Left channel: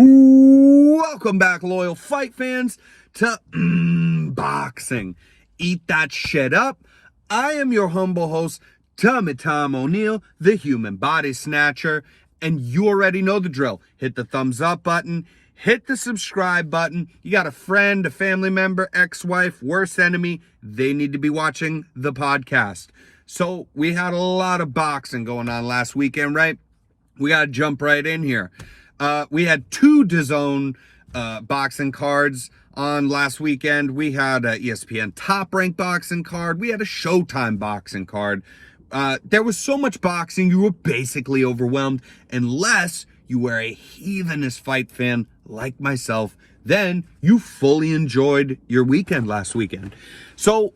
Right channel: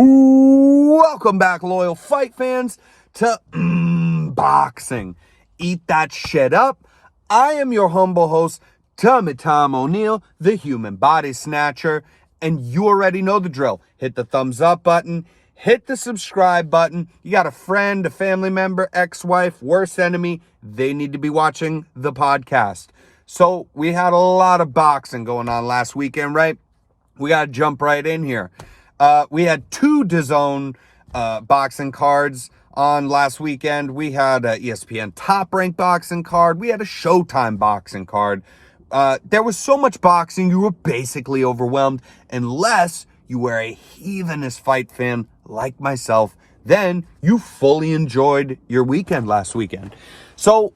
Welcome back, loyal fight fans, to boxing. Eat that shit up. I am your humble host, Tummy Tom O'Neill, the human body snatcher, and you already know the drill. Hit the thumbs up button, hit the subscribe button. You got a friend, a family member, ex-wife, worst enemy, they need to be watching the podcast. So we had a lot of boxing going on last weekend, right? We got to jump right in here. We had two DAZN boxing cards on last weekend. We had a ESPN Top Rank boxing card. We had a Showtime boxing card. There was so much boxing, you were basically overwhelmed. Unless you were a heathenous fight fan like myself, then you fully enjoyed your weekend last weekend. So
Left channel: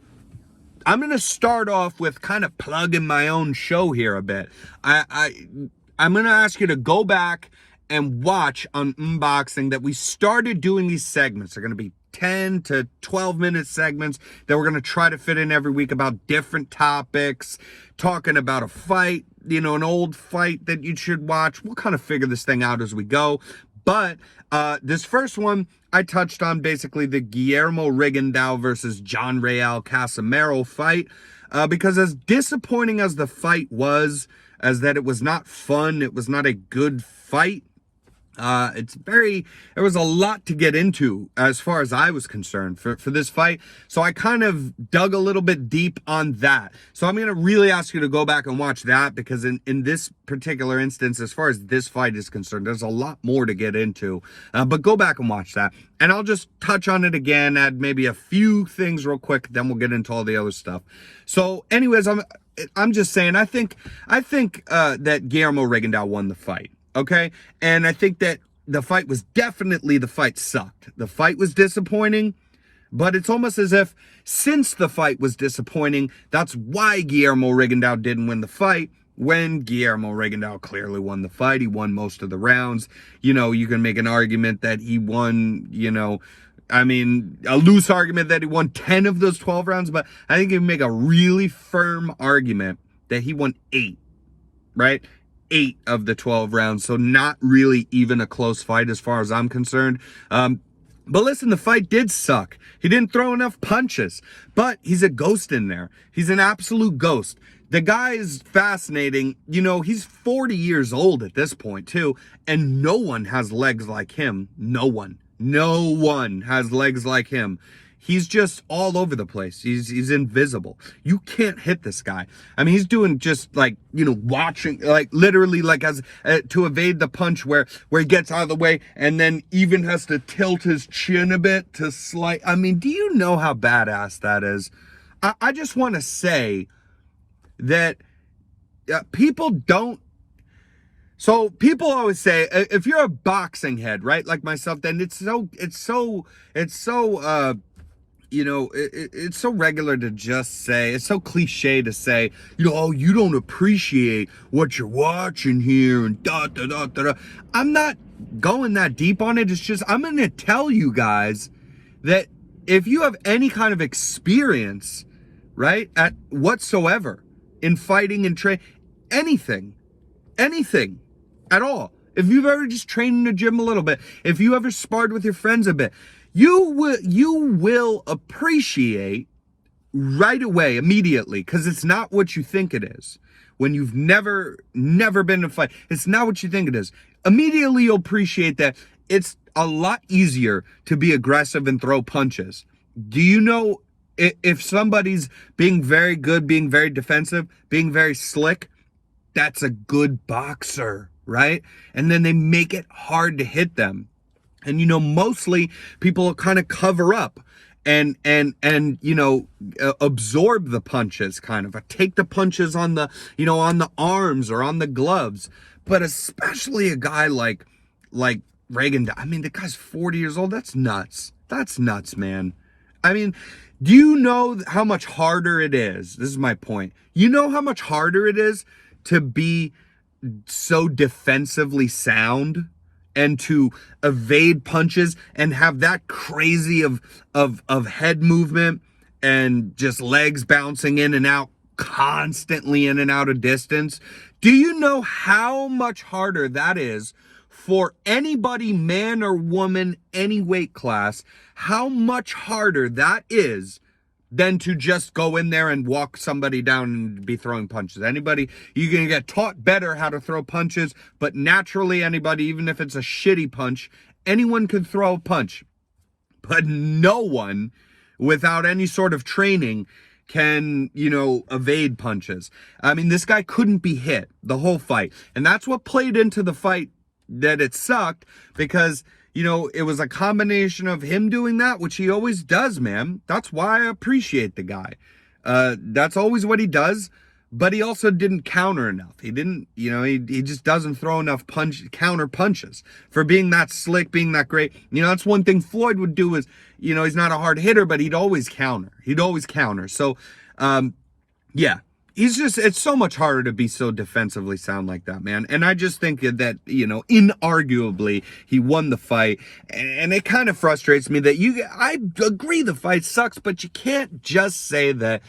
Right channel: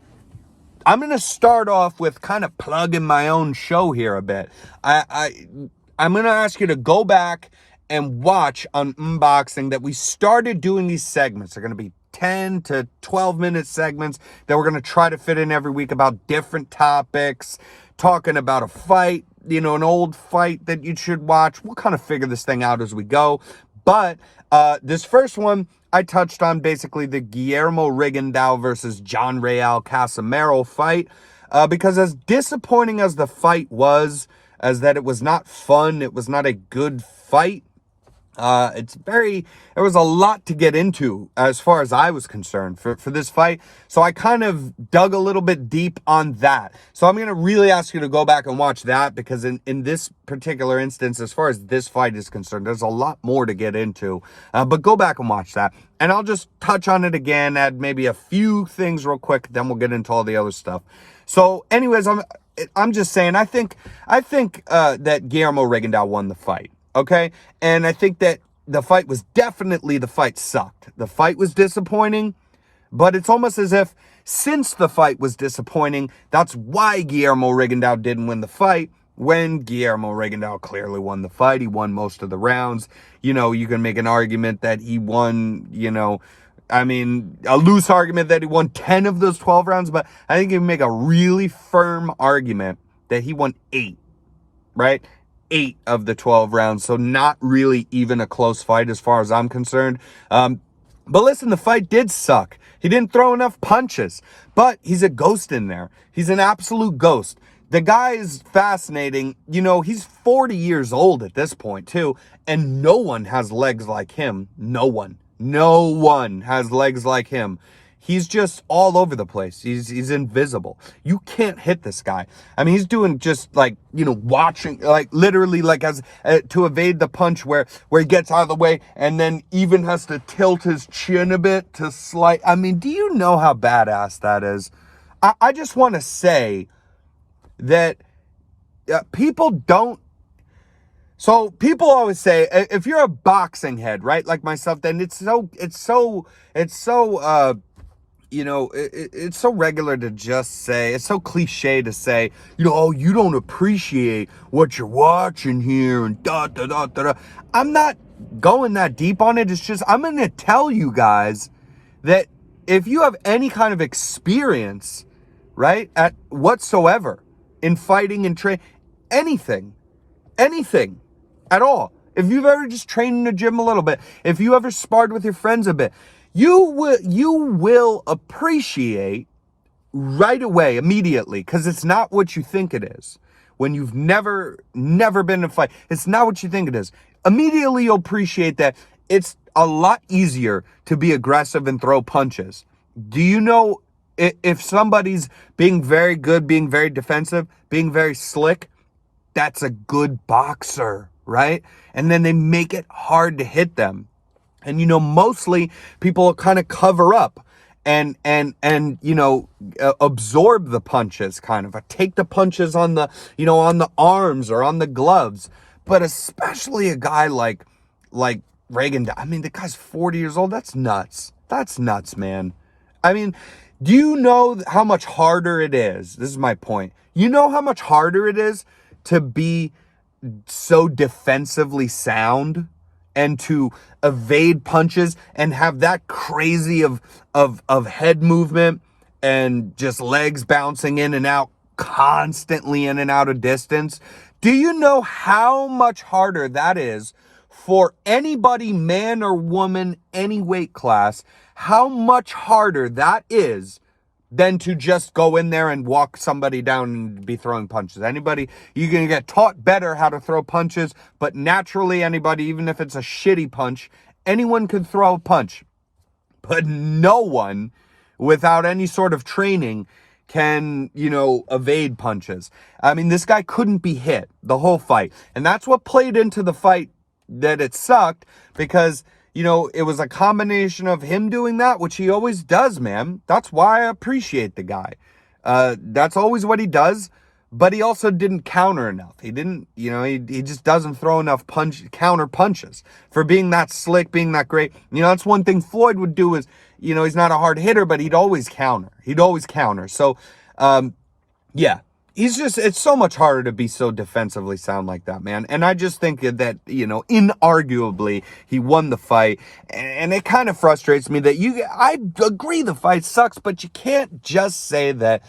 I'm going to start off with kind of plugging my own show here a bit. I'm going to ask you to go back and watch on Unboxing that we started doing these segments. They're going to be 10 to 12 minute segments that we're going to try to fit in every week about different topics, talking about a fight, an old fight that you should watch. We'll kind of figure this thing out as we go. But this first one, I touched on basically the Guillermo Rigondeaux versus John Real Casimero fight, because as disappointing as the fight was, as that it was not fun, it was not a good fight, there was a lot to get into as far as I was concerned for this fight. So I kind of dug a little bit deep on that. So I'm going to really ask you to go back and watch that, because in this particular instance, as far as this fight is concerned, there's a lot more to get into. But go back and watch that. And I'll just touch on it again, add maybe a few things real quick, then we'll get into all the other stuff. So anyways, I'm just saying, I think that Guillermo Rigondeaux won the fight. Okay. And I think that the fight sucked. The fight was disappointing, but it's almost as if since the fight was disappointing, that's why Guillermo Rigondeaux didn't win the fight, when Guillermo Rigondeaux clearly won the fight. He won most of the rounds. You can make an argument that he won, a loose argument that he won 10 of those 12 rounds, but I think you can make a really firm argument that he won 8, right? 8 of the 12 rounds. So not really even a close fight as far as I'm concerned. But listen, the fight did suck. He didn't throw enough punches, but he's a ghost in there. He's an absolute ghost. The guy is fascinating. He's 40 years old at this point too, and no one has legs like him. No one has legs like him. He's just all over the place. He's invisible. You can't hit this guy. I mean, he's doing just watching, literally as to evade the punch where he gets out of the way and then even has to tilt his chin a bit to slight. I mean, do you know how badass that is? I just want to say that people don't. So people always say, if you're a boxing head, right, like myself, then it's so regular to just say, it's so cliche to say, you don't appreciate what you're watching here and da da da da. I'm not going that deep on it. It's just, I'm going to tell you guys that if you have any kind of experience, right, at whatsoever in fighting and anything at all, if you've ever just trained in the gym a little bit, if you ever sparred with your friends a bit, you will appreciate right away, immediately, because it's not what you think it is. When you've never been in a fight, it's not what you think it is. Immediately you'll appreciate that it's a lot easier to be aggressive and throw punches. Do you know if somebody's being very good, being very defensive, being very slick, that's a good boxer, right? And then they make it hard to hit them. And, mostly people kind of cover up and absorb the punches, kind of take the punches on the, on the arms or on the gloves. But especially a guy like Rigondeaux. I mean, the guy's 40 years old. That's nuts. That's nuts, man. I mean, do you know how much harder it is? This is my point. You know how much harder it is to be so defensively sound and to evade punches and have that crazy of head movement and just legs bouncing in and out, constantly in and out of distance? Do you know how much harder that is for anybody, man or woman, any weight class, how much harder that is than to just go in there and walk somebody down and be throwing punches. Anybody, you're going to get taught better how to throw punches, but naturally anybody, even if it's a shitty punch, anyone can throw a punch. But no one, without any sort of training, can, evade punches. I mean, this guy couldn't be hit the whole fight. And that's what played into the fight, that it sucked, because it was a combination of him doing that, which he always does, man. That's why I appreciate the guy. That's always what he does, but he also didn't counter enough. He didn't, he just doesn't throw enough counter punches for being that slick, being that great. That's one thing Floyd would do is, he's not a hard hitter, but he'd always counter. So, yeah. It's so much harder to be so defensively sound like that, man. And I just think that, inarguably, he won the fight. And it kind of frustrates me that I agree the fight sucks, but you can't just say that,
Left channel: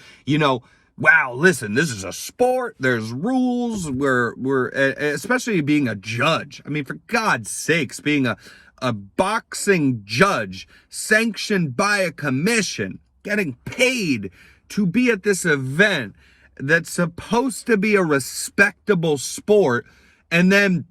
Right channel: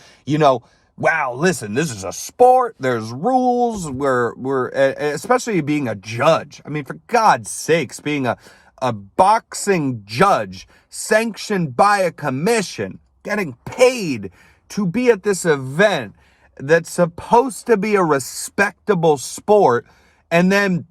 wow, listen, this is a sport. There's rules. We're especially being a judge. I mean, for God's sakes, being a boxing judge sanctioned by a commission, getting paid to be at this event that's supposed to be a respectable sport, and then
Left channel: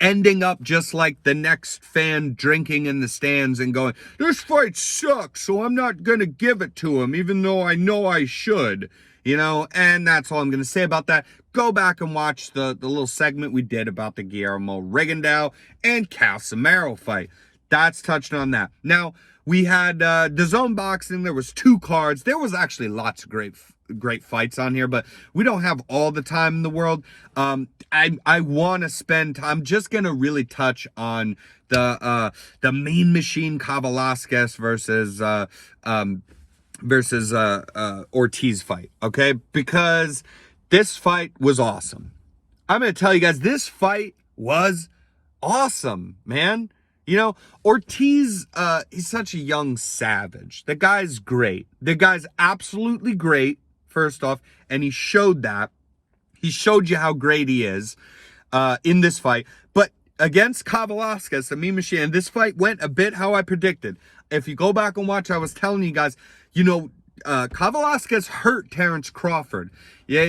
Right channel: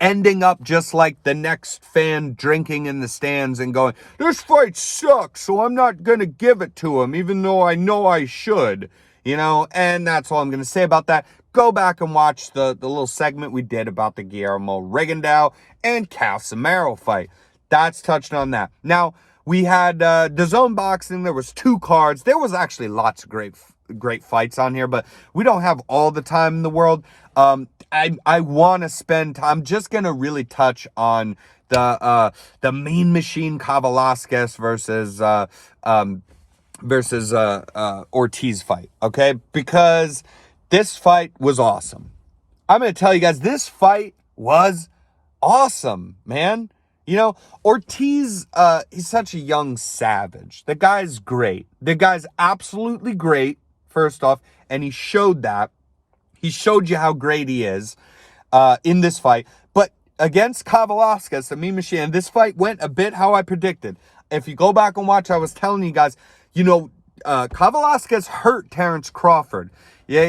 ending up just like the next fan drinking in the stands and going, this fight sucks, so I'm not going to give it to him, even though I know I should, and that's all I'm going to say about that. Go back and watch the little segment we did about the Guillermo Rigondeaux and Casimero fight. That's touched on that. Now, we had the Zone Boxing. There was 2 cards. There was actually lots of great fights on here, but we don't have all the time in the world. I want to spend time. I'm just gonna really touch on the Mean Machine Kavaliauskas versus Ortiz fight, okay? Because this fight was awesome. I'm gonna tell you guys, this fight was awesome, man. Ortiz, he's such a young savage. The guy's great. The guy's absolutely great, first off, and he showed that. He showed you how great he is in this fight. But against Kavaliauskas, the Mean Machine, this fight went a bit how I predicted. If you go back and watch, I was telling you guys, Kavaliauskas hurt Terrence Crawford. Yeah,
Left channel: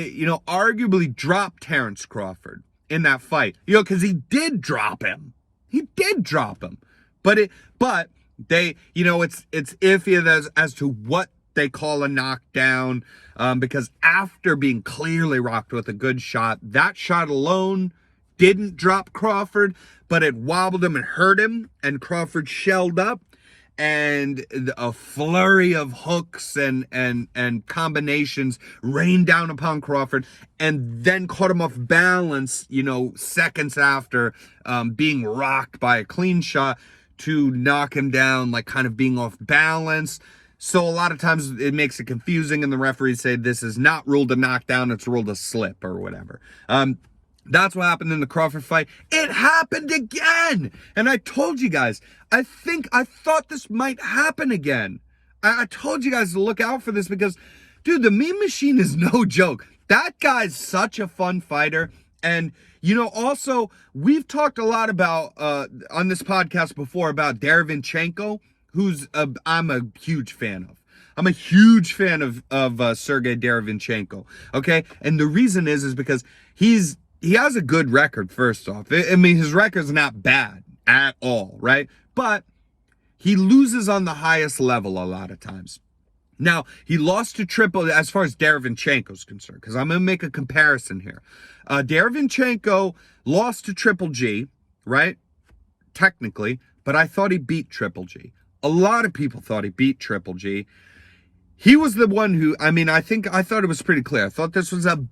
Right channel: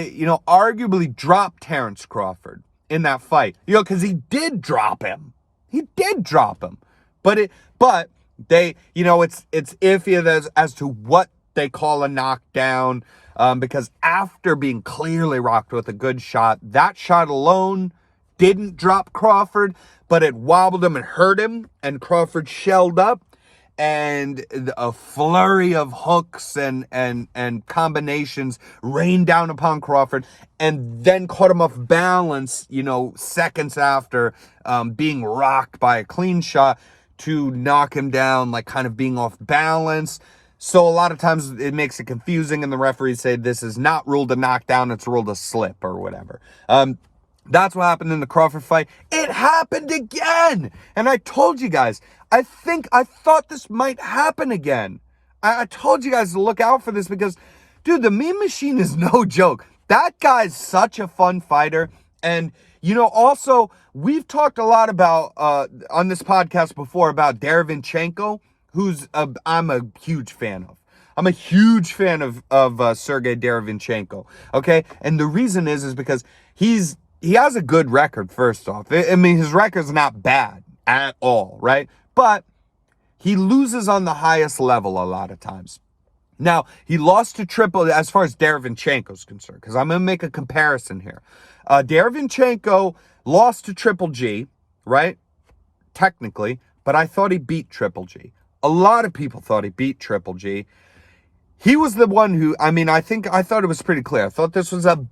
arguably dropped Terrence Crawford in that fight. Because he did drop him. But they, it's iffy as to what they call a knockdown, because after being clearly rocked with a good shot, that shot alone didn't drop Crawford, but it wobbled him and hurt him, and Crawford shelled up, and a flurry of hooks and combinations rained down upon Crawford, and then caught him off balance, seconds after being rocked by a clean shot to knock him down, like kind of being off balance. So a lot of times it makes it confusing, and the referees say this is not ruled a knockdown, it's ruled a slip or whatever. That's what happened in the Crawford fight. It happened again. And I told you guys, I thought this might happen again. I told you guys to look out for this because, dude, the Mean Machine is no joke. That guy's such a fun fighter. And, also, we've talked a lot about, on this podcast before, about Derevyanchenko, who's I'm a huge fan of. I'm a huge fan of Sergey Derevyanchenko, okay? And the reason is because he has a good record, first off. I mean, his record's not bad at all, right? But he loses on the highest level a lot of times. Now, he lost to as far as Derevyanchenko's concerned, because I'm going to make a comparison here. Derevyanchenko lost to Triple G, right? Technically, but I thought he beat Triple G. A lot of people thought he beat Triple G. He was the one who, I thought it was pretty clear. I thought this was a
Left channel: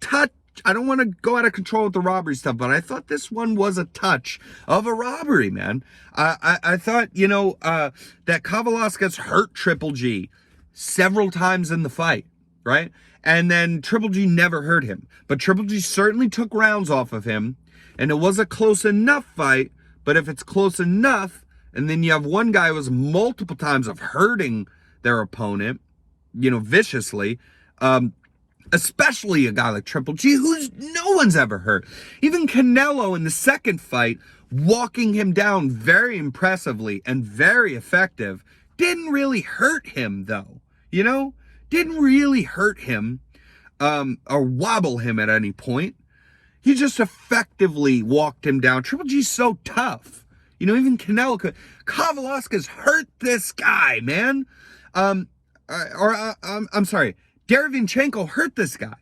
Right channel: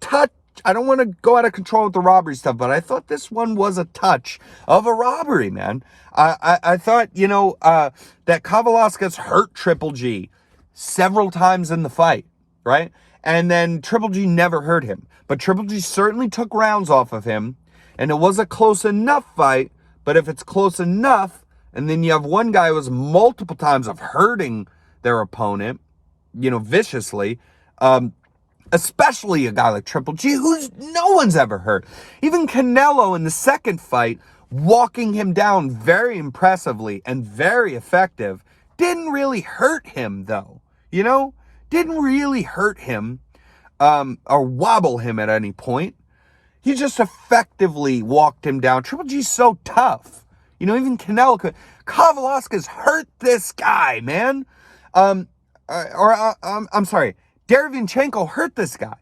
touch. I don't want to go out of control with the robbery stuff, but I thought this one was a touch of a robbery, man. I thought, that Kavaliauskas hurt Triple G several times in the fight, right? And then Triple G never hurt him. But Triple G certainly took rounds off of him, and it was a close enough fight. But if it's close enough, and then you have one guy who was multiple times of hurting their opponent, viciously, especially a guy like Triple G, who's no one's ever hurt. Even Canelo in the second fight walking him down very impressively and very effective. Didn't really hurt him, though. Didn't really hurt him or wobble him at any point. He just effectively walked him down. Triple G's so tough. Even Canelo Kavaliauskas hurt this guy, man. I'm sorry. Derevyanchenko hurt this guy.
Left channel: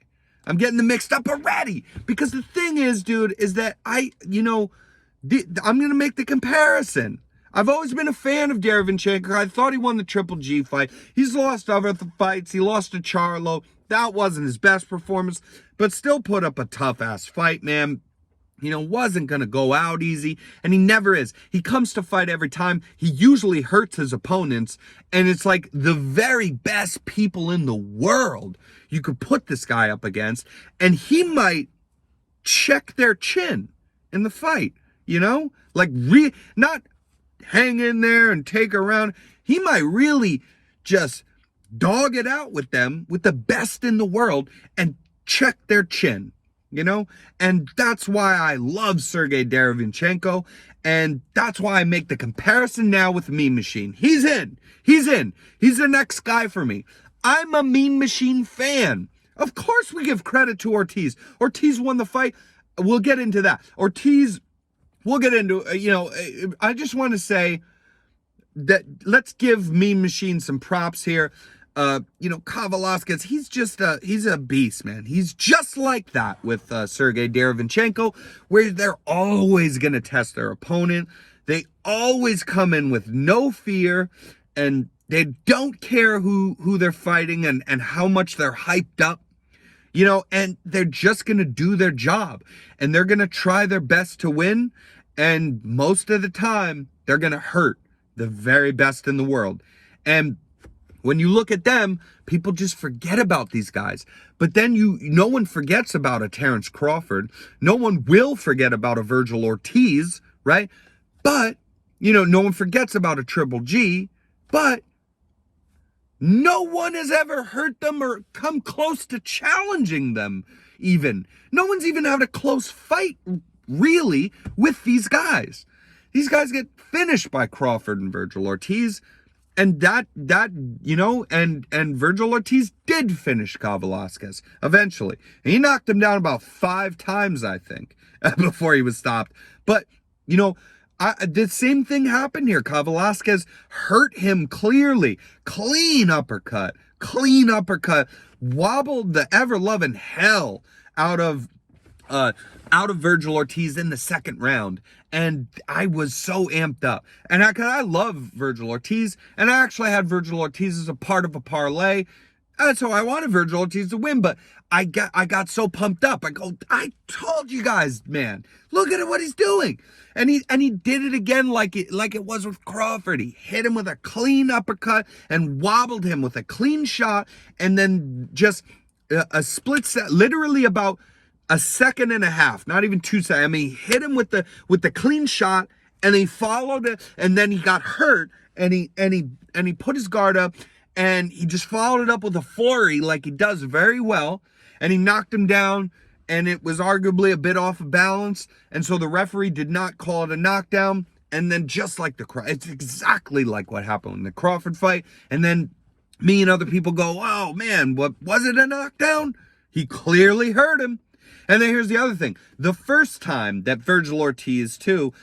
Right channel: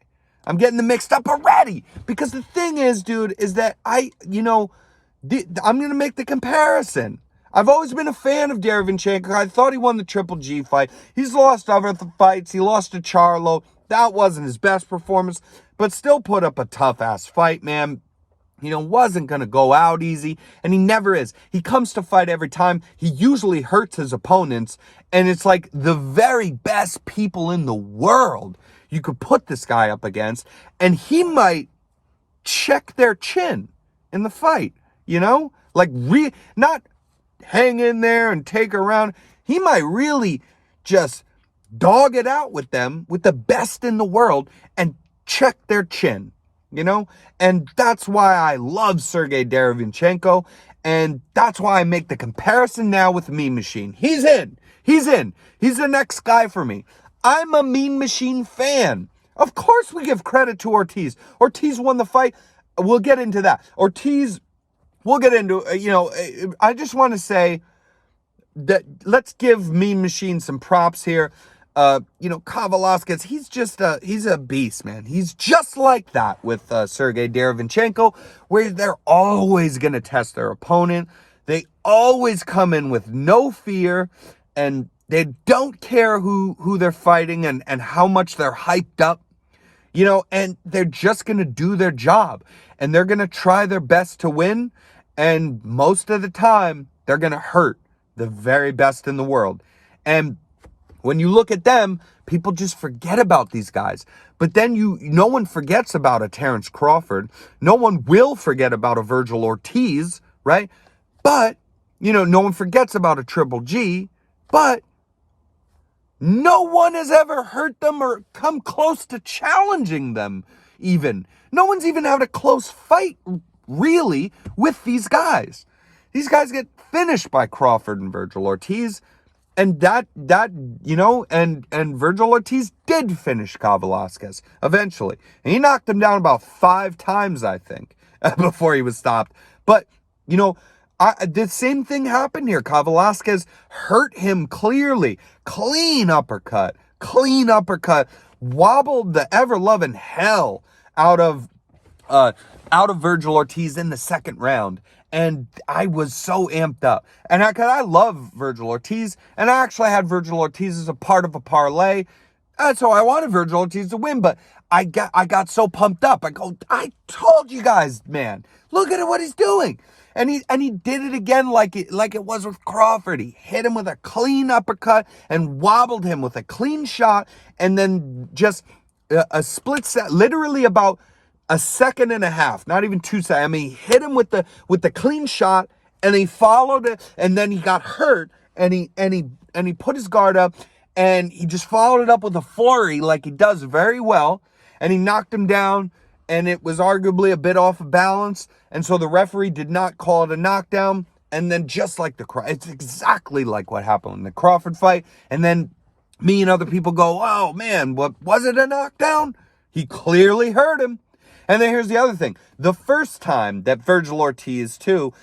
I'm getting them mixed up already. Because the thing is, dude, is that I'm going to make the comparison. I've always been a fan of Derevyanchenko. I thought he won the Triple G fight. He's lost other fights. He lost to Charlo. That wasn't his best performance, but still put up a tough-ass fight, man. Wasn't going to go out easy, and he never is. He comes to fight every time. He usually hurts his opponents, and it's like the very best people in the world you could put this guy up against, and he might check their chin in the fight, not hang in there and take her around. He might really just dog it out with them, with the best in the world, and check their chin, And that's why I love Sergey Derevyanchenko, and that's why I make the comparison now with Mean Machine. He's in. He's the next guy for me. I'm a Mean Machine fan. Of course we give credit to Ortiz. Ortiz won the fight. We'll get into that. We'll get into, I just want to say that let's give Mean Machine some props here. Kavaliauskas, he's a beast, man. He's just like that with Sergey Derevyanchenko, where they're always going to test their opponent. They always come in with no fear, and they don't care who they're fighting and how much they're hyped up, and they're just going to do their job, and they're going to try their best to win, and most of the time, they're going to hurt the very best in the world. And when you look at them, people just forget about these guys. But then no one forgets about a Terrence Crawford. No one will forget about a Virgil Ortiz, right? But, no one forgets about a Triple G. But no one has ever hurt them or come close to challenging them even. No one's even had a close fight, really, with these guys. These guys get finished by Crawford and Virgil Ortiz. And and Virgil Ortiz did finish Kavaliauskas eventually. And he knocked him down about 5 times, I think, before he was stopped. But, the same thing happened here. Kavaliauskas hurt him clearly. Clean uppercut. Wobbled the ever-loving hell out of Virgil Ortiz in the second round. And I was so amped up. And I love Virgil Ortiz. And I actually had Virgil Ortiz as a part of a parlay. And so I wanted Virgil Ortiz to win. But I got so pumped up. I told you guys, man. Look at what he's doing. And he did it again like it was with Crawford. He hit him with a clean uppercut and wobbled him with a clean shot. And then just a split set, literally about a second and a half, not even 2 seconds. I mean, he hit him with the clean shot, and he followed it, and then he got hurt, and he put his guard up, and he just followed it up with a flurry like he does very well, and he knocked him down, and it was arguably a bit off of balance, and so the referee did not call it a knockdown. And then just like it's exactly like what happened in the Crawford fight. And then me and other people go, oh man, what was it, a knockdown? He clearly hurt him. And then here's the other thing. The first time that Virgil Ortiz, too,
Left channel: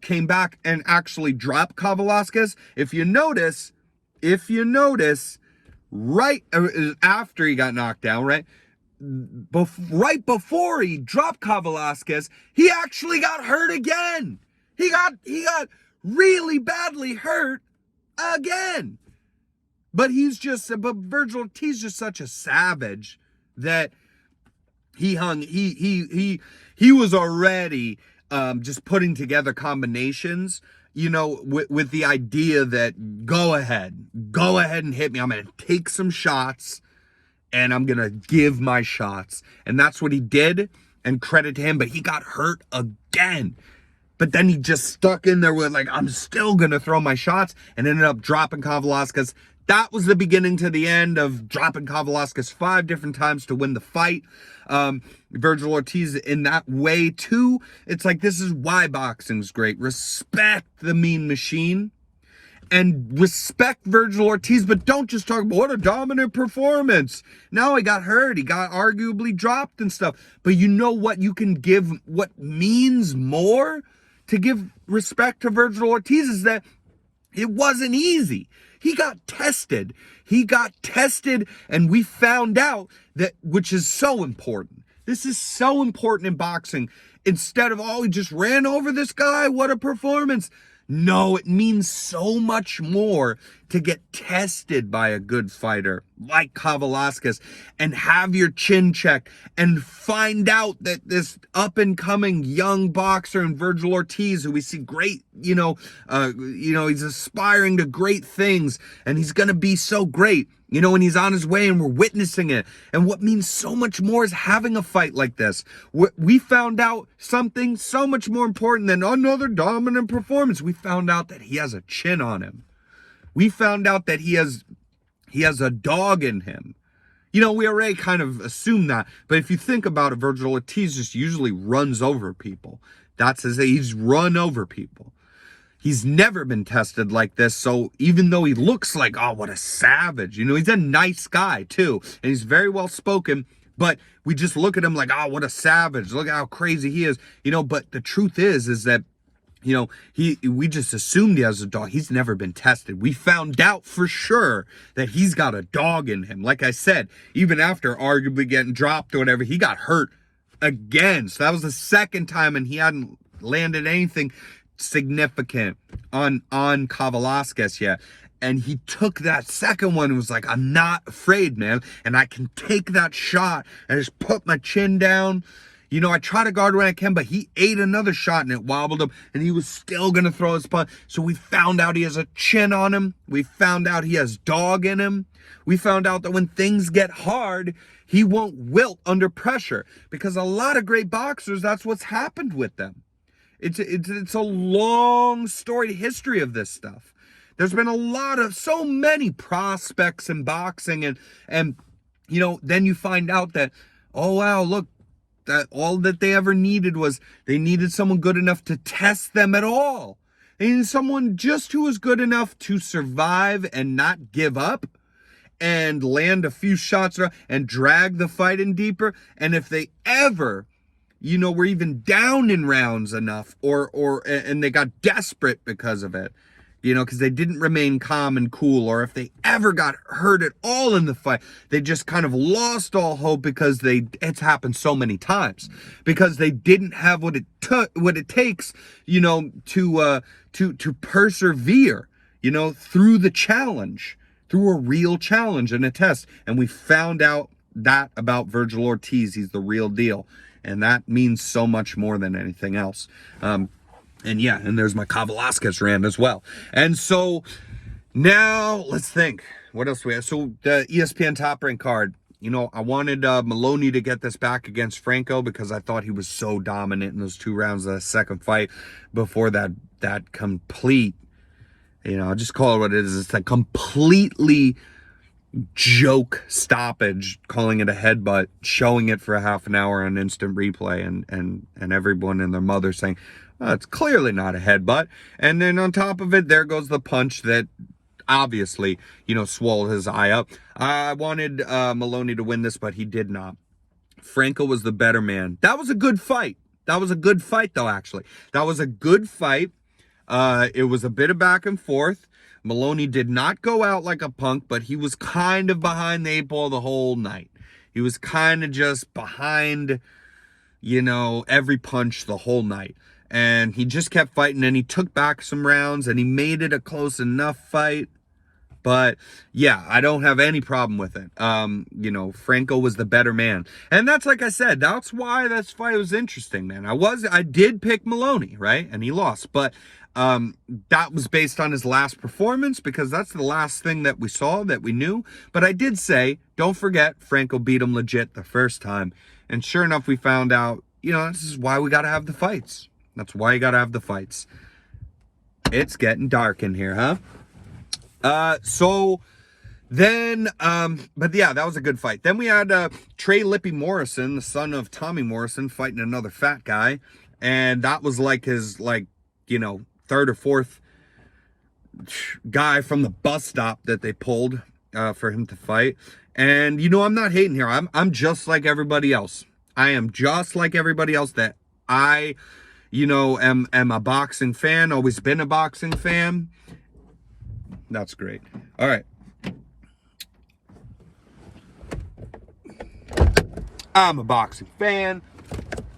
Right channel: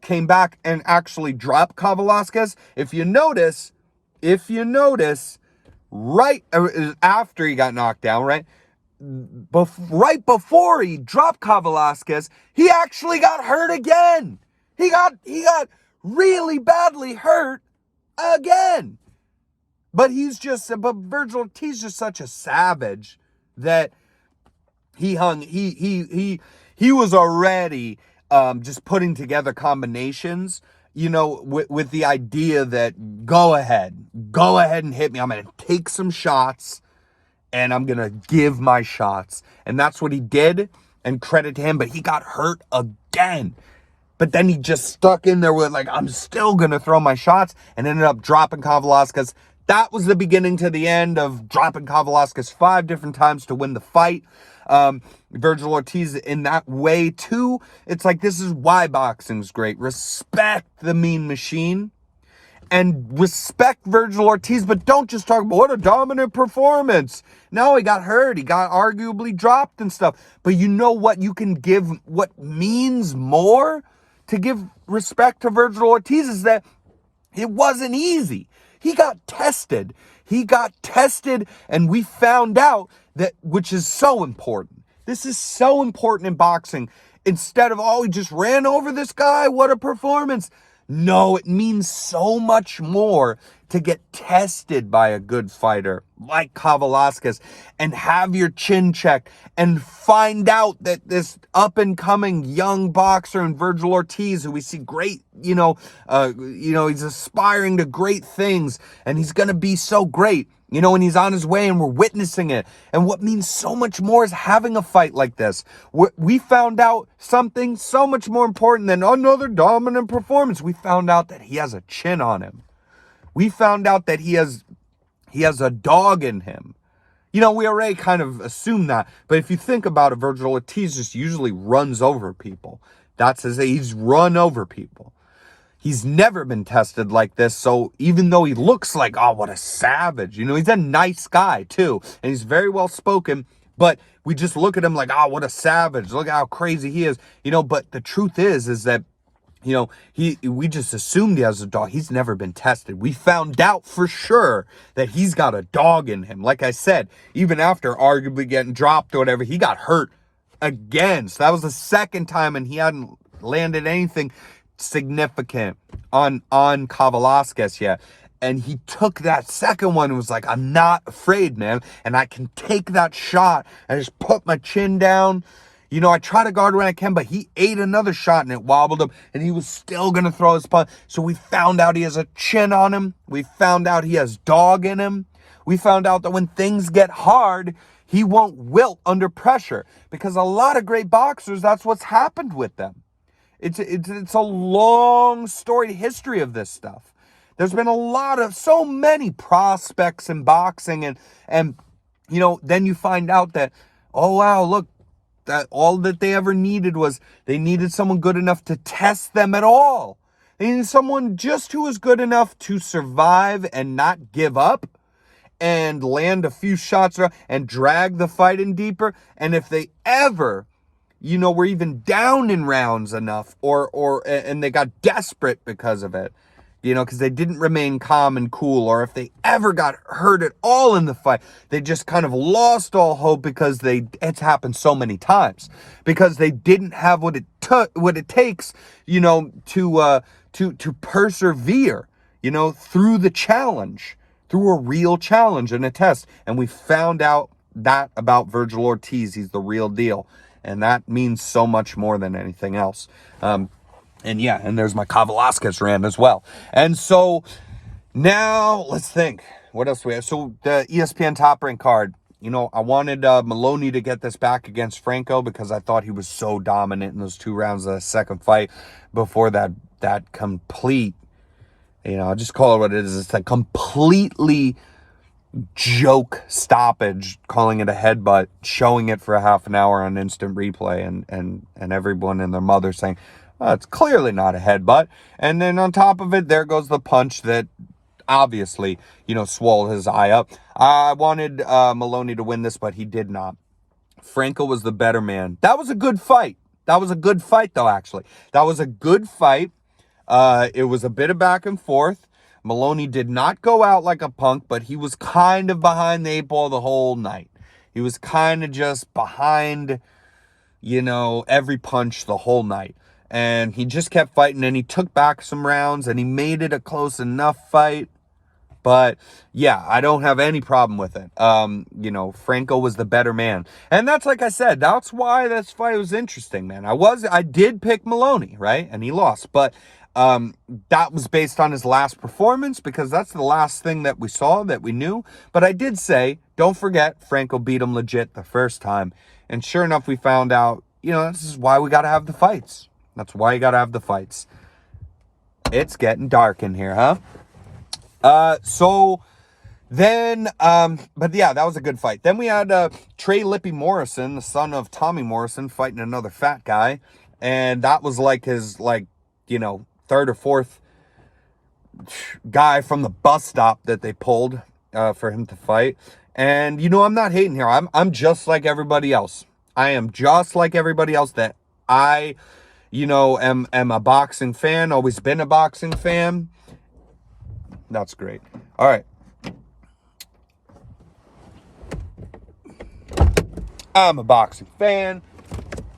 came back and actually dropped Kavaliauskas, if you notice, right after he got knocked down, right? Right before he dropped Kavaliauskas, he actually got hurt again. He got really badly hurt again. But Virgil Ortiz is just such a savage that he was already just putting together combinations, with the idea that go ahead and hit me. I'm going to take some shots and I'm going to give my shots. And that's what he did, and credit to him, but he got hurt again. But then he just stuck in there with I'm still going to throw my shots, and ended up dropping Kavaliauskas. That was the beginning to the end of dropping Kavaliauskas 5 different times to win the fight. Virgil Ortiz in that way too. It's like, this is why boxing's great. Respect the Mean Machine and respect Virgil Ortiz, but don't just talk about what a dominant performance. No, he got hurt. He got arguably dropped and stuff. But you know what you can give, what means more to give respect to Virgil Ortiz is that it wasn't easy. He got tested. And we found out that, which is so important. This is so important in boxing. Instead of, oh, he just ran over this guy, what a performance. No, it means so much more to get tested by a good fighter like Kavaliauskas and have your chin checked and find out that this up-and-coming young boxer in Virgil Ortiz, who we see great, he's aspiring to great things and he's going to be so great, and he's on his way and we're witnessing it. And what means so much more is having a fight like this. We found out something so much more important than another dominant performance. We found out that he has a chin on him. We found out that he has a dog in him. We already kind of assumed that. But if you think about it, Virgil Ortiz just usually runs over people. He's run over people. He's never been tested like this. So even though he looks like, oh, what a savage, he's a nice guy too. And he's very well spoken. But we just look at him like, oh, what a savage. Look at how crazy he is. But the truth is that, we just assumed he has a dog. He's never been tested. We found out for sure that he's got a dog in him. Like I said, even after arguably getting dropped or whatever, he got hurt again. So that was the second time and he hadn't landed anything significant on Kavaliauskas yet. And he took that second one and was like, I'm not afraid, man. And I can take that shot. I just put my chin down. I try to guard when I can, but he ate another shot and it wobbled him and he was still going to throw his punch. So we found out he has a chin on him. We found out he has dog in him. We found out that when things get hard, he won't wilt under pressure, because a lot of great boxers, that's what's happened with them. It's a long storied history of this stuff. There's been so many prospects in boxing and then you find out that, oh wow, look, that all that they ever needed was they needed someone good enough to test them at all. They needed someone just who was good enough to survive and not give up and land a few shots and drag the fight in deeper. And if they ever, were even down in rounds enough and they got desperate because of it, because they didn't remain calm and cool, or if they ever got hurt at all in the fight, they just kind of lost all hope because it's happened so many times, because they didn't have what it takes, to persevere, through the challenge, through a real challenge and a test. And we found out that about Virgil Ortiz. He's the real deal. And that means so much more than anything else. And there's my Kavaliauskas rant as well. And so now let's think. What else do we have? So the ESPN Top Rank card. I wanted Maloney to get this back against Franco because I thought he was so dominant in those 2 rounds of the second fight before that complete, I'll just call it what it is. It's a completely joke stoppage, calling it a headbutt, showing it for a half an hour on instant replay, and everyone and their mother saying, oh, it's clearly not a headbutt. And then on top of it, there goes the punch that obviously, swallowed his eye up. I wanted Maloney to win this, but he did not. Franco was the better man. That was a good fight. That was a good fight, though, actually. That was a good fight. It was a bit of back and forth. Maloney did not go out like a punk, but he was kind of behind the 8 ball the whole night. He was kind of just behind, every punch the whole night. And he just kept fighting, and he took back some rounds, and he made it a close enough fight. But, yeah, I don't have any problem with it. Franco was the better man. And that's, like I said, that's why this fight was interesting, man. I did pick Maloney, right? And he lost. But that was based on his last performance, because that's the last thing that we saw, that we knew. But I did say, don't forget, Franco beat him legit the first time. And sure enough, we found out, this is why we got to have the fights. That's why you got to have the fights. It's getting dark in here, huh? So Then, but yeah, that was a good fight. Then we had Trey Lippy Morrison, the son of Tommy Morrison, fighting another fat guy. And that was like his, like, you know, third or fourth guy from the bus stop that they pulled for him to fight. And, you know, I'm not hating here. I'm just like everybody else. I am just like everybody else that I, you know, am a boxing fan, always been a boxing fan. That's great. All right. I'm a boxing fan,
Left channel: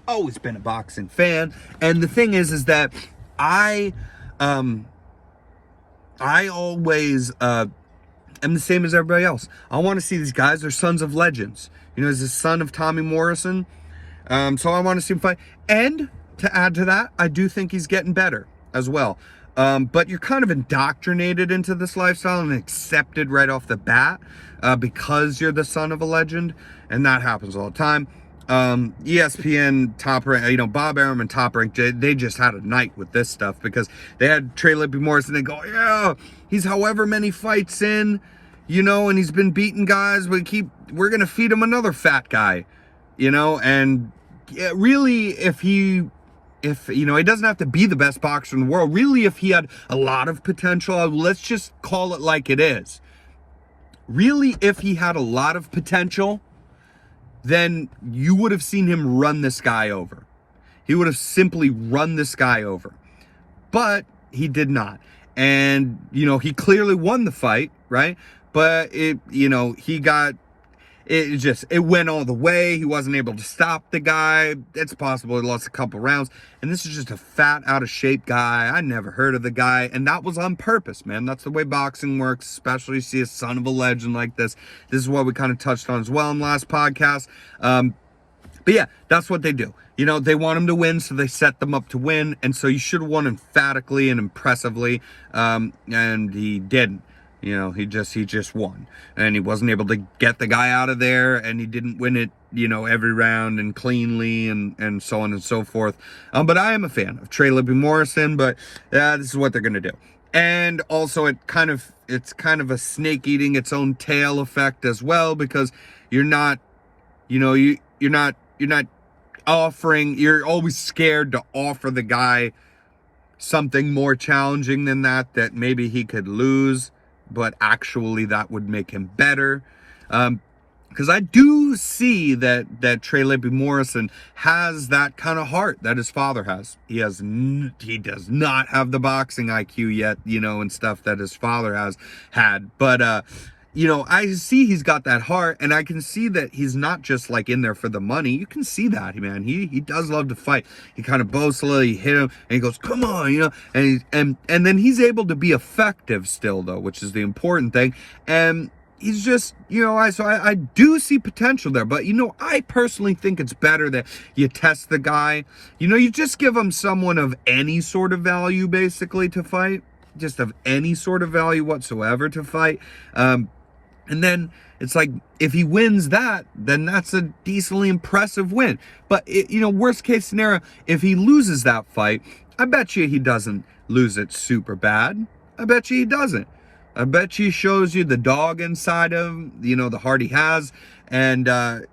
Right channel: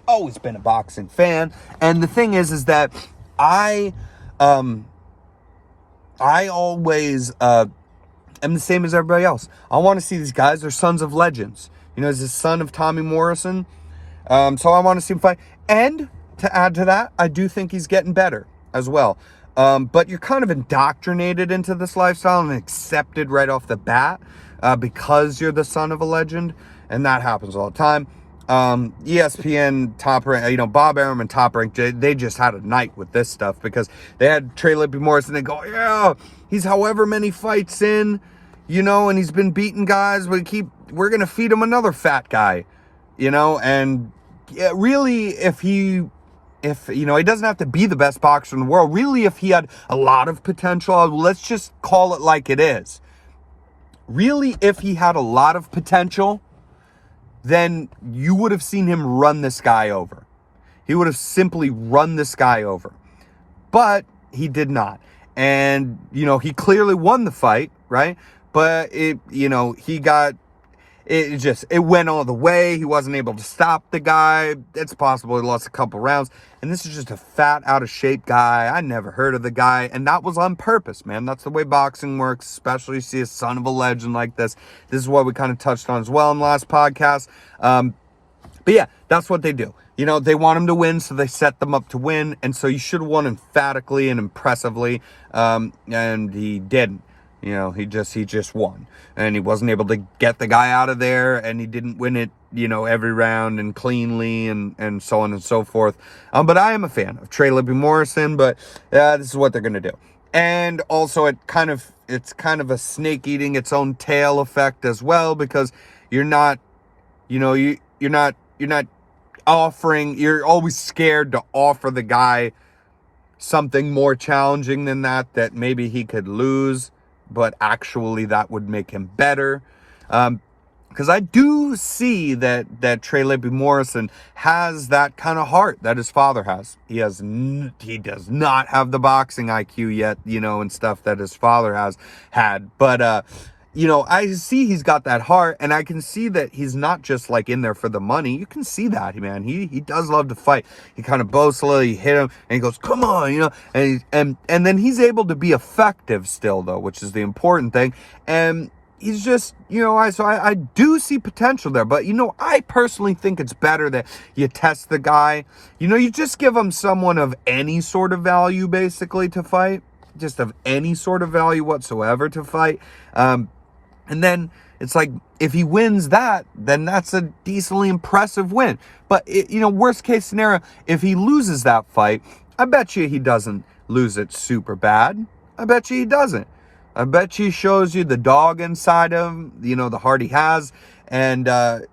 always been a boxing fan. And the thing is that I always am the same as everybody else. I want to see these guys. They're sons of legends. You know, he's the son of Tommy Morrison. So I want to see him fight. And to add to that, I do think he's getting better as well. But you're kind of indoctrinated into this lifestyle and accepted right off the bat because you're the son of a legend. And that happens all the time. ESPN Top Rank, you know, Bob Arum and Top Rank, they just had a night with this stuff because they had Trey Lippy Morrison. They go, yeah, he's however many fights in, you know, and he's been beating guys. We're going to feed him another fat guy, you know, and yeah, really, if you know, he doesn't have to be the best boxer in the world. Really, if he had a lot of potential, let's just call it like it is. Really, if he had a lot of potential, then you would have seen him run this guy over. He would have simply run this guy over. But he did not. And, you know, he clearly won the fight, right? But it went all the way. He wasn't able to stop the guy. It's possible he lost a couple rounds. And this is just a fat, out of shape guy. I never heard of the guy. And that was on purpose, man. That's the way boxing works, especially you see a son of a legend like this. This is what we kind of touched on as well in the last podcast. But yeah, that's what they do. You know, they want him to win, so they set them up to win. And so you should have won emphatically and impressively. And he didn't. You know, he just won. And he wasn't able to get the guy out of there, and he didn't win it, you know, every round and cleanly and so on and so forth. But I am a fan of Trey Lippy Morrison, but this is what they're going to do. And also it's kind of a snake eating its own tail effect as well, because you're not, you know, you're not offering, you're always scared to offer the guy something more challenging than that maybe he could lose, but actually that would make him better. Because I do see that Trey Lippy Morrison has that kind of heart that his father has. He does not have the boxing IQ yet, you know, and stuff that his father has had. But, you know, I see he's got that heart, and I can see that he's not just like in there for the money. You can see that, man. He does love to fight. He kind of boasts a little, he hit him, and he goes, come on, you know, and then he's able to be effective still, though, which is the important thing. And he's just, you know, I do see potential there, but, you know, I personally think it's better that you test the guy. You know, you just give him someone of any sort of value, basically, to fight. Just of any sort of value whatsoever to fight. And then it's like, if he wins that, then that's a decently impressive win. But, you know, worst case scenario, if he loses that fight, I bet you he doesn't lose it super bad. I bet you he doesn't. I bet you he shows you the dog inside him, you know, the heart he has. And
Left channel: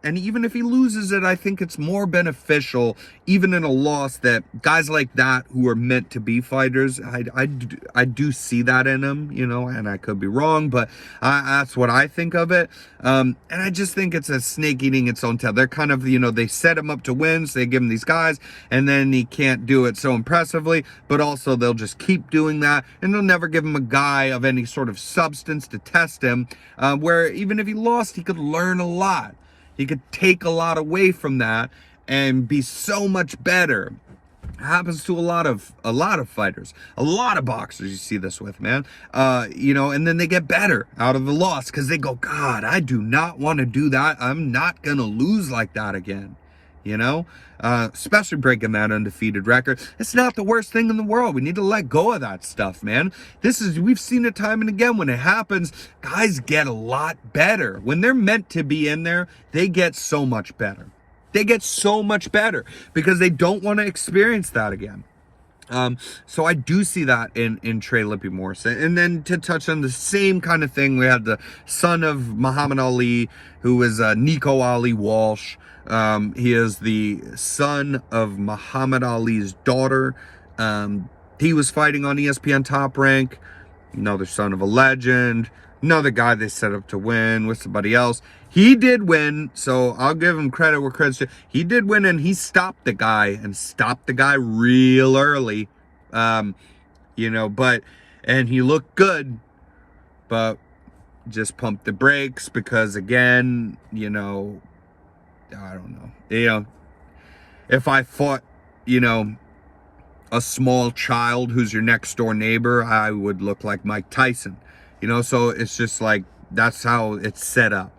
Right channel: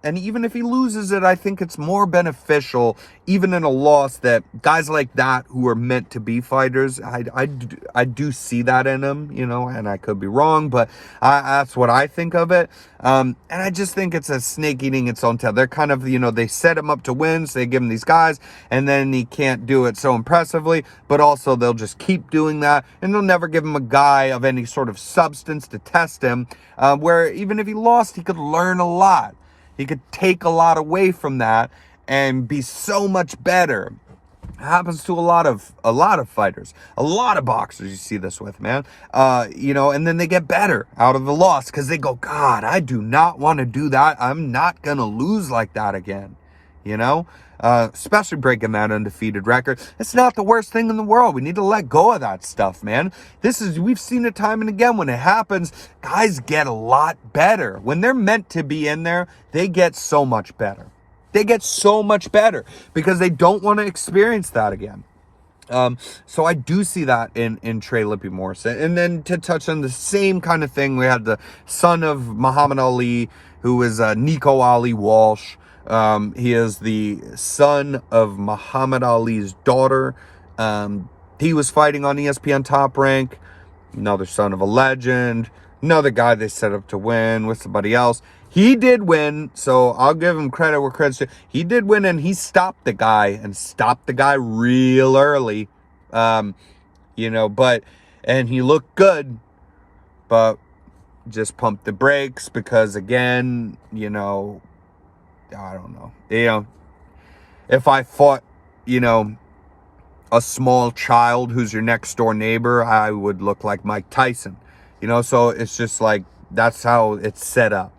even if he loses it, I think it's more beneficial, even in a loss, that guys like that who are meant to be fighters, I do see that in him, you know, and I could be wrong, but that's what I think of it. And I just think it's a snake eating its own tail. They're kind of, you know, they set him up to win, so they give him these guys, and then he can't do it so impressively, but also they'll just keep doing that, and they'll never give him a guy of any sort of substance to test him, where even if he lost, he could learn a lot. He could take a lot away from that and be so much better. It happens to a lot of fighters, a lot of boxers. You see this with, man. You know, and then they get better out of the loss because they go, God, I do not want to do that. I'm not gonna lose like that again. You know, especially breaking that undefeated record. It's not the worst thing in the world. We need to let go of that stuff, man. We've seen it time and again. When it happens, guys get a lot better. When they're meant to be in there, they get so much better. They get so much better because they don't want to experience that again. So I do see that in Trey Lippe Morrison. And then to touch on the same kind of thing, we had the son of Muhammad Ali, who is Nico Ali Walsh. He is the son of Muhammad Ali's daughter. He was fighting on ESPN Top Rank. Another son of a legend. Another guy they set up to win with somebody else. He did win, so I'll give him credit where credit's due. He did win, and he stopped the guy real early. And he looked good, but just pumped the brakes because, again, I don't know. If I fought, a small child who's your next door neighbor, I would look like Mike Tyson. So it's just like, that's how it's set up.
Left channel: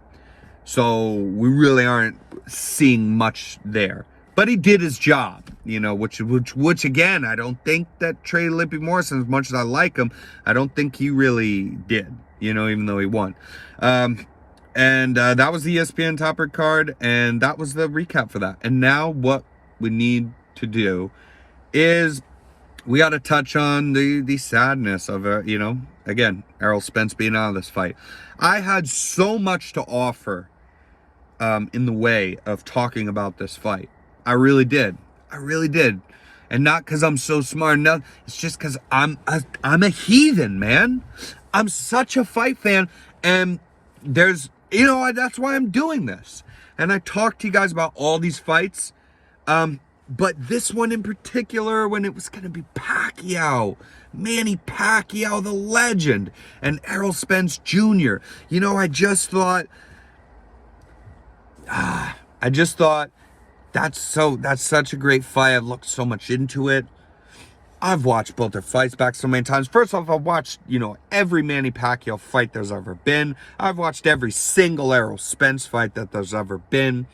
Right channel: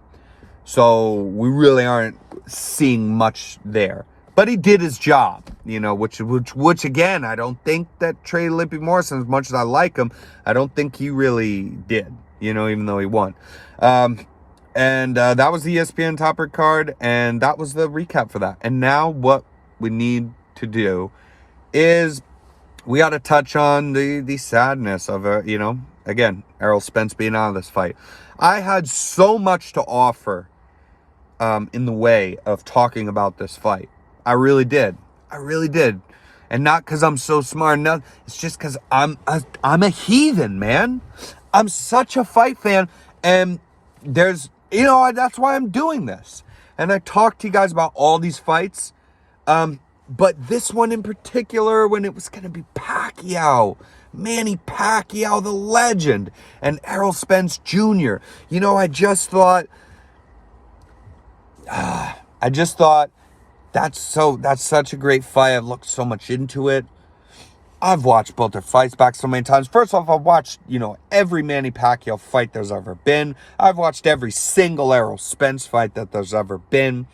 So we really aren't seeing much there. But he did his job, which again, I don't think that Trey Lippe Morrison, as much as I like him, I don't think he really did, even though he won. That was the ESPN Top Rank card, and that was the recap for that. And now what we need to do is we got to touch on the sadness of, again, Errol Spence being out of this fight. I had so much to offer in the way of talking about this fight. I really did. And not because I'm so smart. No, it's just because I'm a heathen, man. I'm such a fight fan. And there's, that's why I'm doing this. And I talked to you guys about all these fights. But this one in particular, when it was going to be Pacquiao, Manny Pacquiao, the legend, and Errol Spence Jr. I just thought that's such a great fight. I've looked so much into it. I've watched both their fights back so many times. First off, I've watched, every Manny Pacquiao fight there's ever been. I've watched every single Errol Spence fight that there's ever been.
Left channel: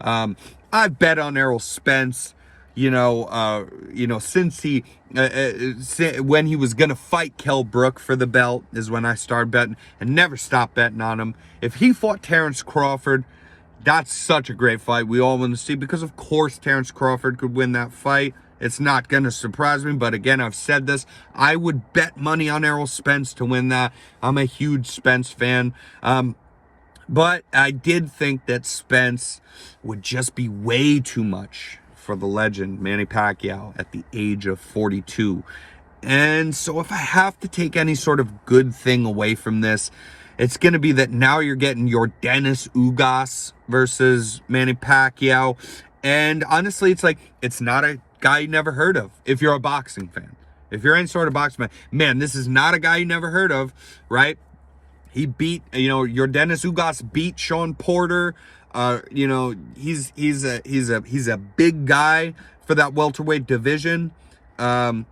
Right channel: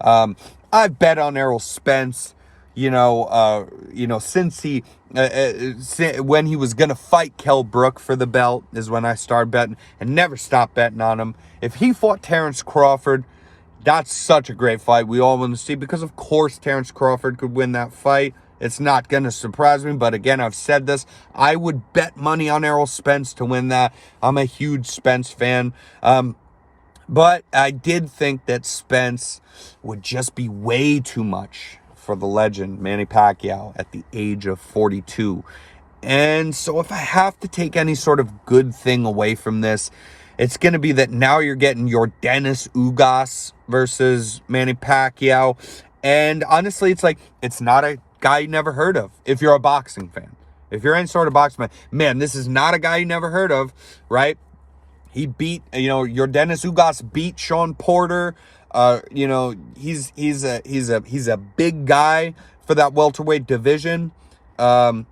I've bet on Errol Spence, since when he was going to fight Kell Brook for the belt is when I started betting and never stopped betting on him. If he fought Terrence Crawford, that's such a great fight. We all want to see, because of course Terrence Crawford could win that fight. It's not going to surprise me, but again, I've said this. I would bet money on Errol Spence to win that. I'm a huge Spence fan. But I did think that Spence would just be way too much for the legend, Manny Pacquiao, at the age of 42. And so if I have to take any sort of good thing away from this, it's going to be that now you're getting your Dennis Ugas versus Manny Pacquiao. And honestly, it's like, it's not a guy you never heard of if you're a boxing fan. If you're any sort of boxing fan, man, this is not a guy you never heard of, right? He beat, your Dennis Ugas beat Sean Porter. He's a big guy for that welterweight division.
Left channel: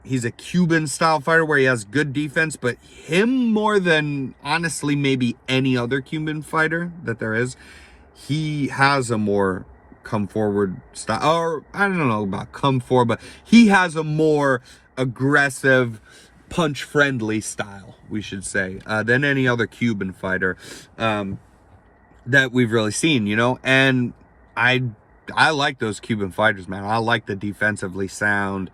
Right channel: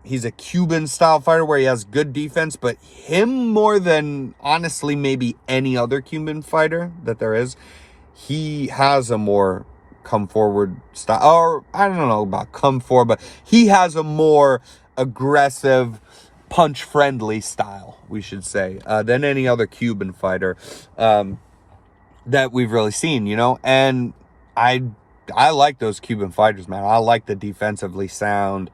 He's a Cuban style fighter where he has good defense, but him more than honestly maybe any other Cuban fighter that there is, he has a more come forward style, or I don't know about come forward, but he has a more aggressive, punch friendly style, we should say, than any other Cuban fighter that we've really seen, and I like those Cuban fighters, man. I like the defensively sound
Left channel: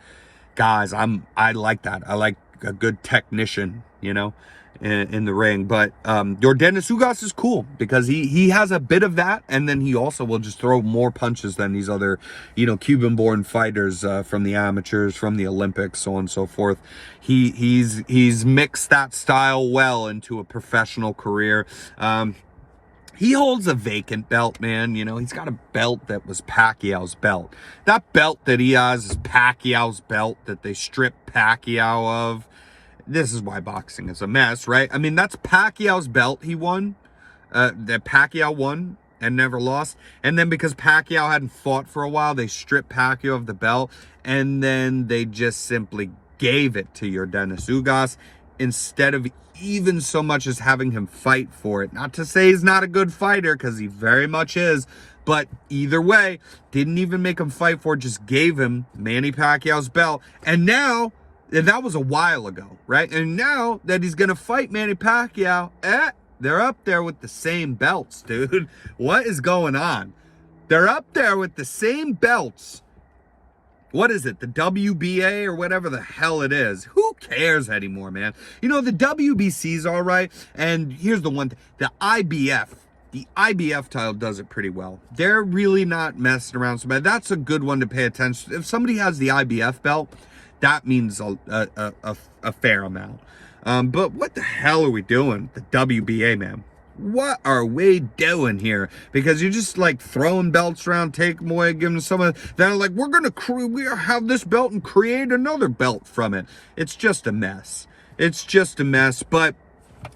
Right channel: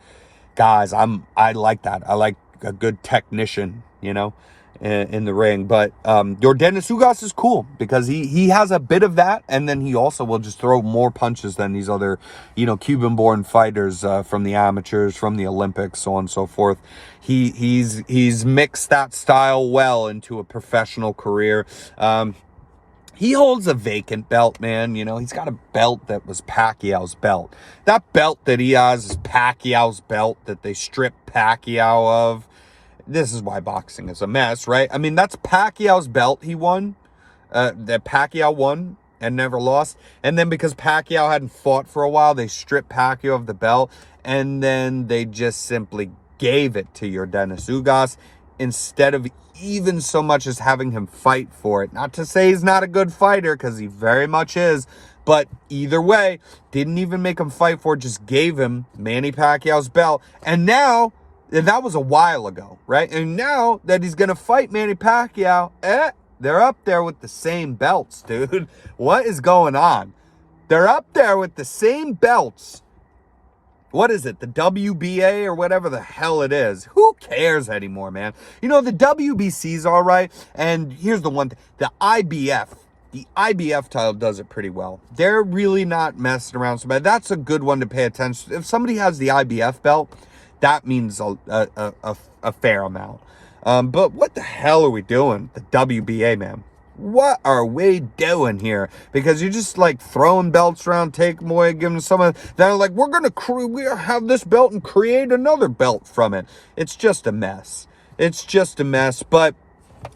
guys. I like that. I like a good technician, in the ring. But your Dennis Ugas is cool because he has a bit of that, and then he also will just throw more punches than these other, Cuban-born fighters from the amateurs, from the Olympics, so on and so forth. He's mixed that style well into a professional career. He holds a vacant belt, man. He's got a belt that was Pacquiao's belt. That belt that he has is Pacquiao's belt that they stripped Pacquiao of. This is why boxing is a mess, right? I mean, that's Pacquiao's belt he won, that Pacquiao won and never lost. And then because Pacquiao hadn't fought for a while, they stripped Pacquiao of the belt. And then they just simply gave it to your Dennis Ugas instead of even so much as having him fight for it. Not to say he's not a good fighter, because he very much is. But either way, didn't even make him fight for it, just gave him Manny Pacquiao's belt. And now, and that was a while ago, right? And now that he's going to fight Manny Pacquiao, they're up there with the same belts, dude. What is going on? They're up there with the same belts. what is it? The WBA or whatever the hell it is. Who cares anymore, man? You know, the WBC's all right. And here's the one thing. The IBF title does it pretty well. They're really not messing around. So that's a good one to pay attention to. If somebody has the IBF belt, that means a fair amount. But what the hell are we doing? The WBA, man. What are we doing here? Because you're just like throwing belts around, take them away, give them someone. They're like, we're going to have this belt and create another belt from it. It's just a mess. It's just a mess. But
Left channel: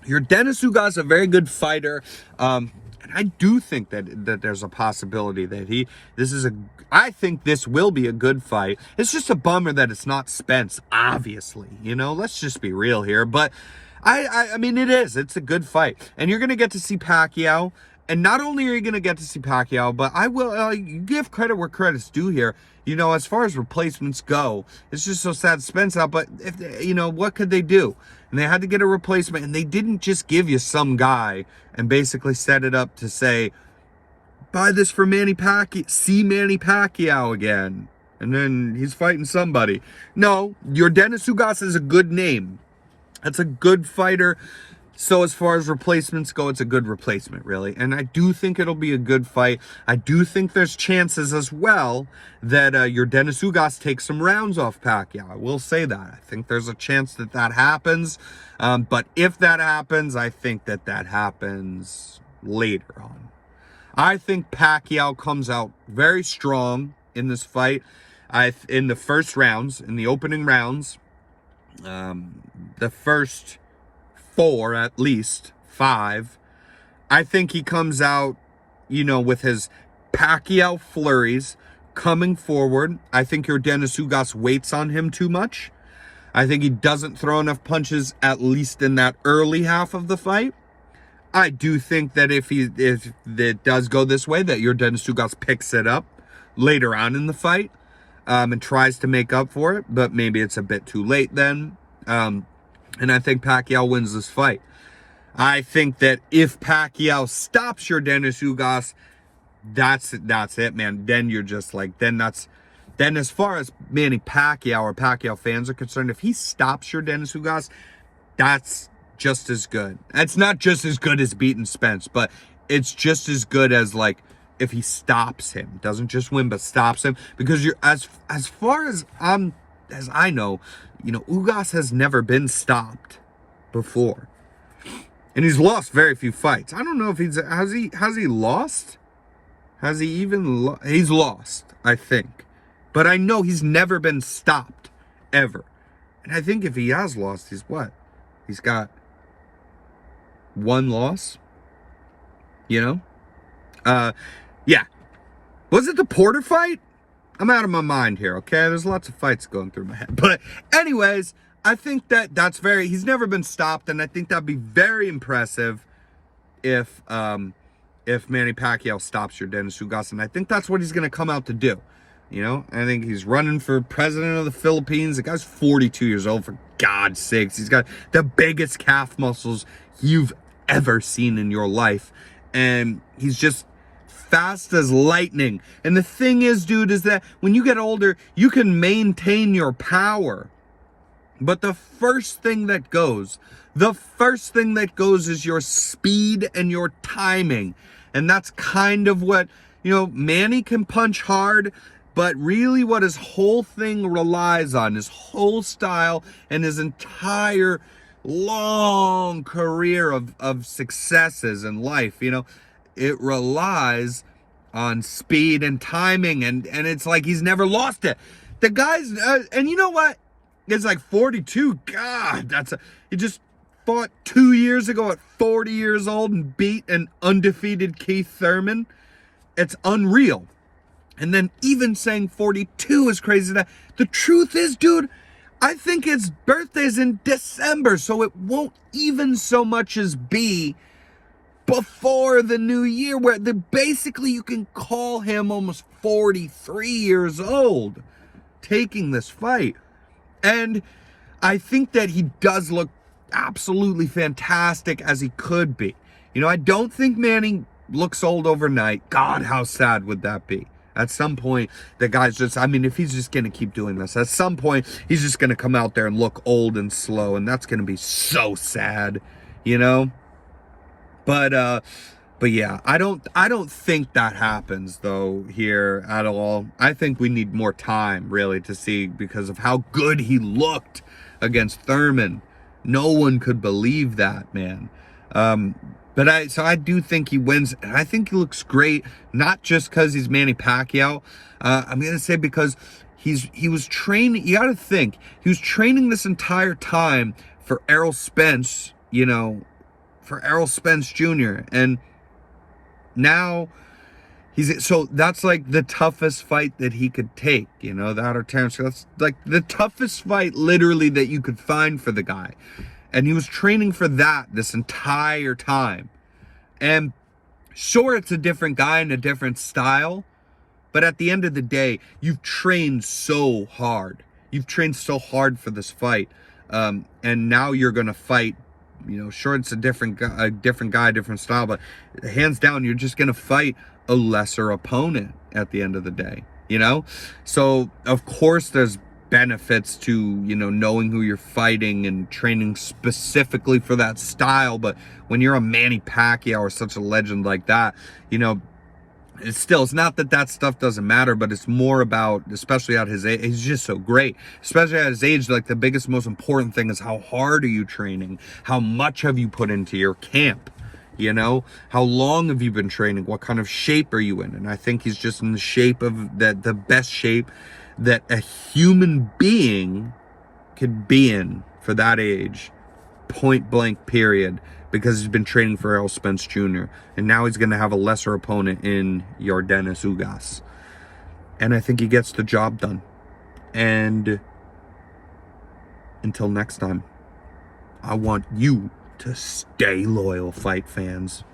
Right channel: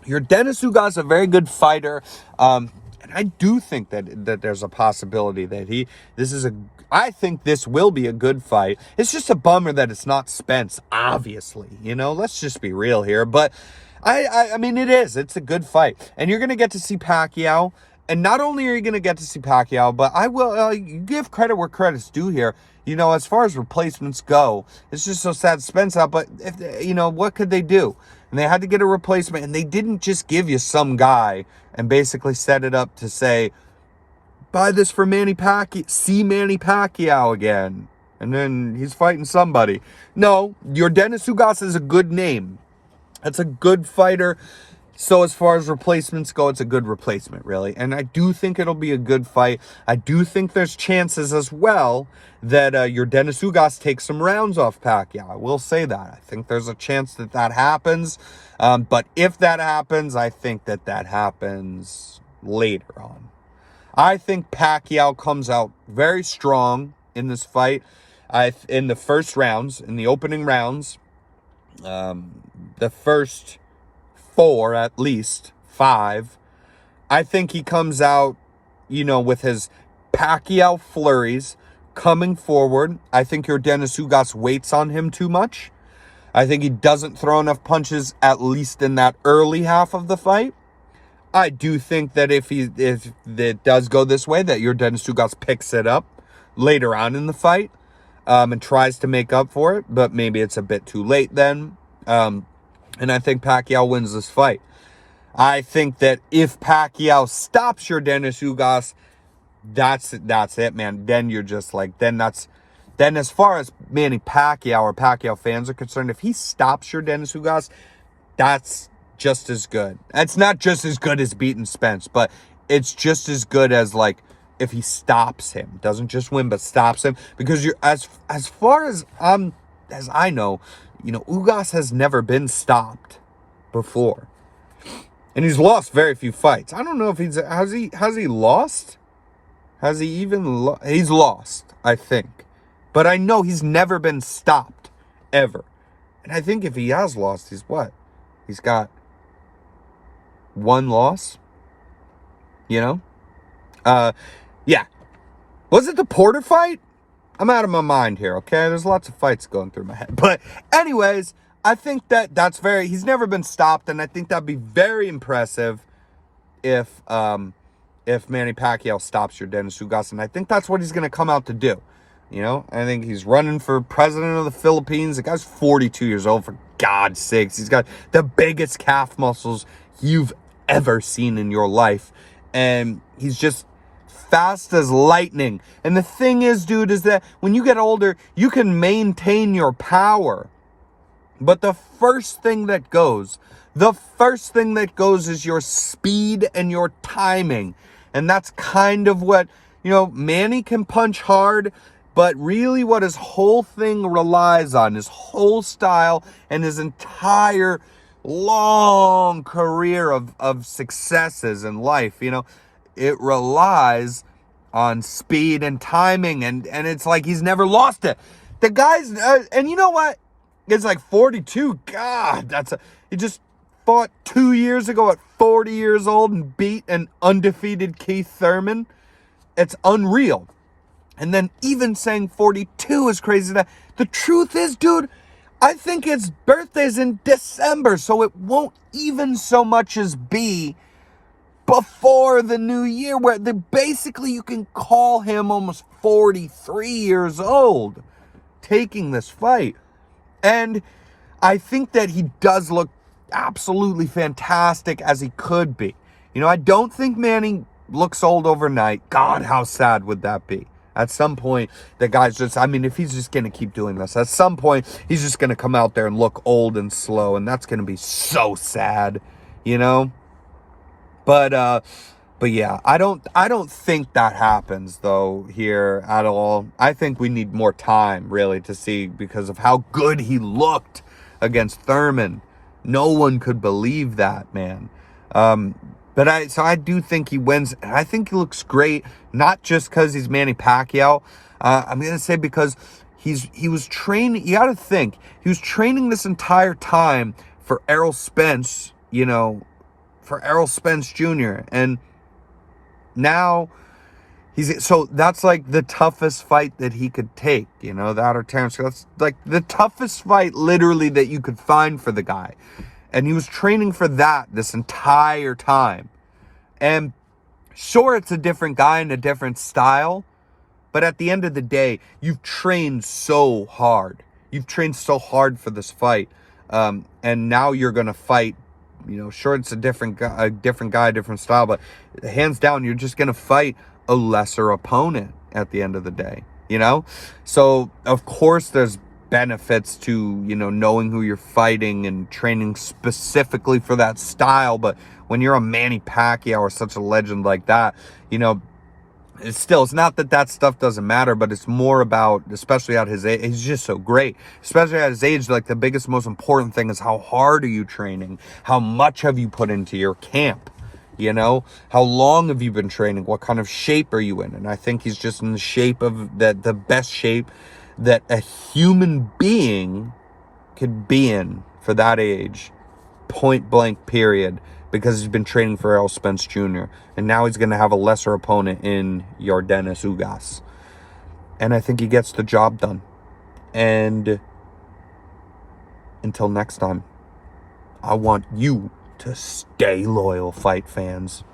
your Dennis Ugas a very good fighter. And I do think that there's a possibility that I think this will be a good fight. It's just a bummer that it's not Spence, obviously. You know, let's just be real here. But I mean, it's a good fight. And you're going to get to see Pacquiao. And not only are you going to get to see Pacquiao, but I will give credit where credit's due here. You know, as far as replacements go, it's just so sad Spence out. But, what could they do? And they had to get a replacement. And they didn't just give you some guy and basically set it up to say, buy this for Manny Pacquiao, see Manny Pacquiao again. And then he's fighting somebody. No, your Dennis Ugas is a good name. That's a good fighter. So as far as replacements go, it's a good replacement, really. And I do think it'll be a good fight. I do think there's chances as well that your Dennis Ugas takes some rounds off Pacquiao. I will say that. I think there's a chance that happens. But if that happens, I think that happens later on. I think Pacquiao comes out very strong in this fight. In the first rounds, in the opening rounds, the first 4, at least 5, I think he comes out, with his Pacquiao flurries coming forward. I think your Dennis Ugas waits on him too much. I think he doesn't throw enough punches, at least in that early half of the fight. I do think that if it does go this way, that your Dennis Ugas picks it up later on in the fight and tries to make up for it, but maybe it's a bit too late then. And I think Pacquiao wins this fight. I think that if Pacquiao stops your Dennis Ugas, that's it, man. Then you're just like, then as far as Manny Pacquiao or Pacquiao fans are concerned, if he stops your Dennis Ugas, that's just as good. It's not just as good as beating Spence, but it's just as good as, like, if he stops him. Doesn't just win, but stops him. Because you're as far as I know, Ugas has never been stopped before. And he's lost very few fights. I don't know if has he lost? Has he even he's lost, I think. But I know he's never been stopped ever. And I think if he has lost, he's got 1 loss. Yeah. Was it the Porter fight? I'm out of my mind here, okay? There's lots of fights going through my head. But anyways, I think he's never been stopped, and I think that'd be very impressive if Manny Pacquiao stops your Dennis Ugas, and I think that's what he's going to come out to do. I think he's running for president of the Philippines. The guy's 42 years old, for God's sakes. He's got the biggest calf muscles you've ever seen in your life, and he's just fast as lightning. And the thing is, dude, is that when you get older, you can maintain your power. But the first thing that goes is your speed and your timing. And that's kind of what, Manny can punch hard, but really what his whole thing relies on, his whole style and his entire long career of successes in life, it relies on speed and timing, and it's like he's never lost it. The guy's, and you know what? It's like 42. God, he just fought 2 years ago at 40 years old and beat an undefeated Keith Thurman. It's unreal. And then even saying 42 is crazy. The truth is, dude, I think his birthday's in December, so it won't even so much as be before the new year, where basically you can call him almost 43 years old taking this fight. And I think that he does look absolutely fantastic, as he could be. I don't think Manny looks old overnight. God, how sad would that be? At some point, the guy's just, I mean, if he's just going to keep doing this, at some point, he's just going to come out there and look old and slow, and that's going to be so sad, you know? But yeah, I don't think that happens though here at all. I think we need more time really to see, because of how good he looked against Thurman. No one could believe that, man. But I do think he wins, and I think he looks great, not just because he's Manny Pacquiao. I'm gonna say because he was training. You got to think he was training this entire time for Errol Spence, for Errol Spence Jr. And now so that's like the toughest fight that he could take, that or Terrence. That's like the toughest fight literally that you could find for the guy. And he was training for that this entire time. And sure, it's a different guy and a different style, but at the end of the day, you've trained so hard. You've trained so hard for this fight. And now you're going to fight, sure, it's a different guy, different style, but hands down, you're just going to fight a lesser opponent at the end of the day, So, of course, there's benefits to, knowing who you're fighting and training specifically for that style. But when you're a Manny Pacquiao or such a legend like that, it's not that stuff doesn't matter, but it's more about, especially at his age, he's just so great. Especially at his age, like the biggest, most important thing is how hard are you training? How much have you put into your camp? How long have you been training? What kind of shape are you in? And I think he's just in the shape of the best shape that a human being could be in for that age, point blank period, because he's been training for Errol Spence Jr. And now he's going to have a lesser opponent in Yordenis Ugas. And I think he gets the job done. And until next time, I want you to stay loyal, fight fans.